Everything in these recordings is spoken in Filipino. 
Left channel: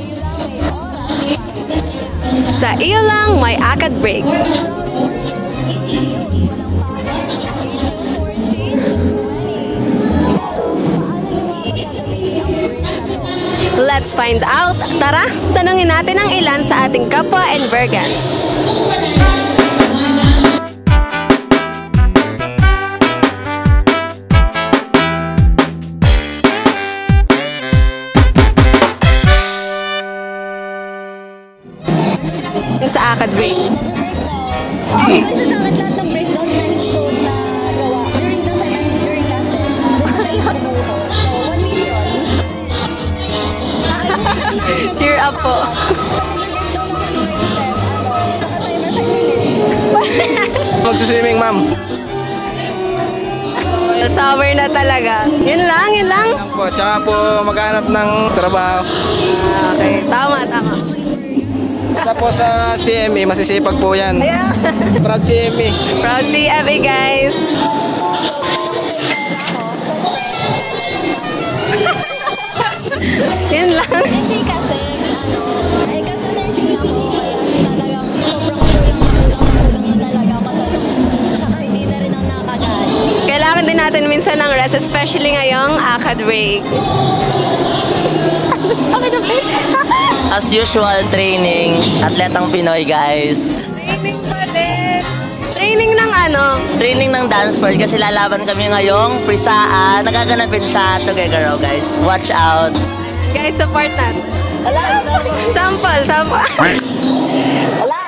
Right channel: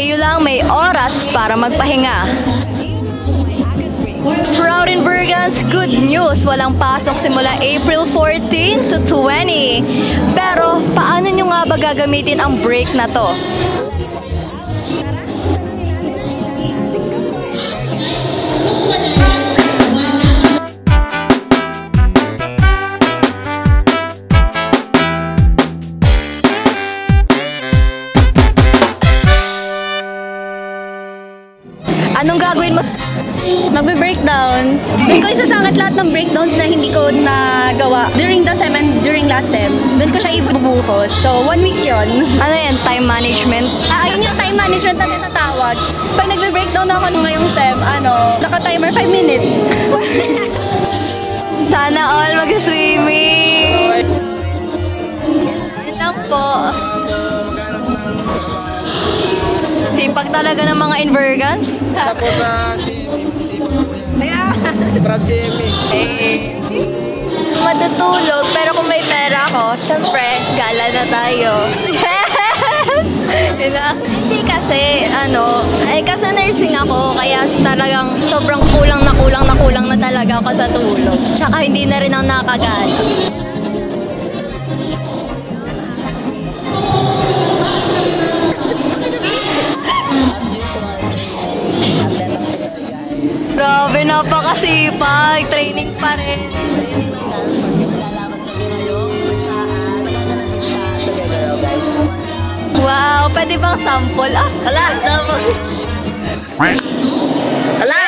iyo lang may oras para magpahinga. Sa iyo lang may ACAD break. Proud in Burgas, good news! Walang pasok simula April 14 to 20. Pero paano nyo nga ba gagamitin ang break na to? Let's find out. Tara, tanungin natin ang ilan sa ating kapwa in Burgans. Anong gagawin mo sa ACAD break? Magbe-breakdown. Hindi ko isasangit lahat ng breakdowns na hindi ko nagawa during last sem. Doon ko siya ipabubuhos. So, 1 week yun. Ano yan? Time management? Yun yung time management sa mga tawag. Pag nagbe-breakdown ako ng ngayong sem, naka-timer 5 minutes. Magsuswimming, ma'am. Sana all mag-swimming. Summer na talaga. Yun lang. At saka po maghanap ng trabaho. Sipag talaga ng mga Invergans. Tapos sa CME, masisipag po yan. Proud CME. Proud CME, guys. Matutulog, pero kung may pera ako, syempre, gala na tayo. Yun lang. Hindi kasi, kasi nursing ako, kaya talagang sobrang kulang na talaga ako sa tulog. Tsaka hindi na rin ako nakakagana. Kailangan din natin minsan ng rest, especially ngayong ACAD break. As usual, training. Atletang Pinoy, guys. Grabe, napakasipag. Training ng Training ng dance floor kasi lalaban kami ngayong prisaan. Nagaganapin sa Tuguegarao, guys. Watch out. Wow, pwede bang sample? Hala! Sample. Hala!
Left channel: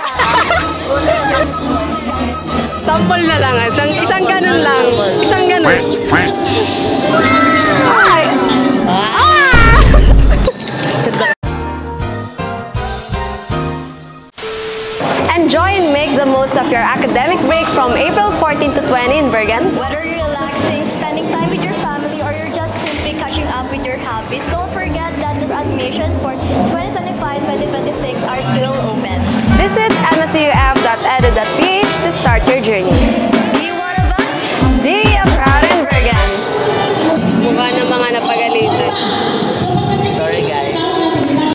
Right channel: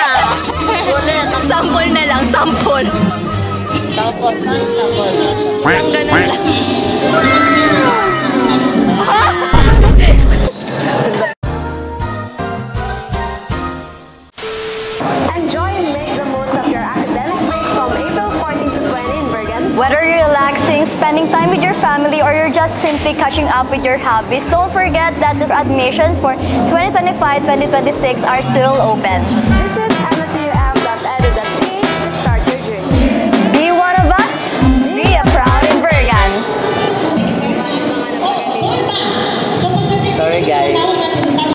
Sample na lang, sample. Sample na lang. Isang ganun lang. Isang ganun lang. Enjoy and make the most of your academic break from April 14 to 20 in Burgans. Whether you're relaxing, spending time with your family, or you're just simply catching up with your hobbies, don't forget that these admissions for 2025-2026 are still open. Visit MSU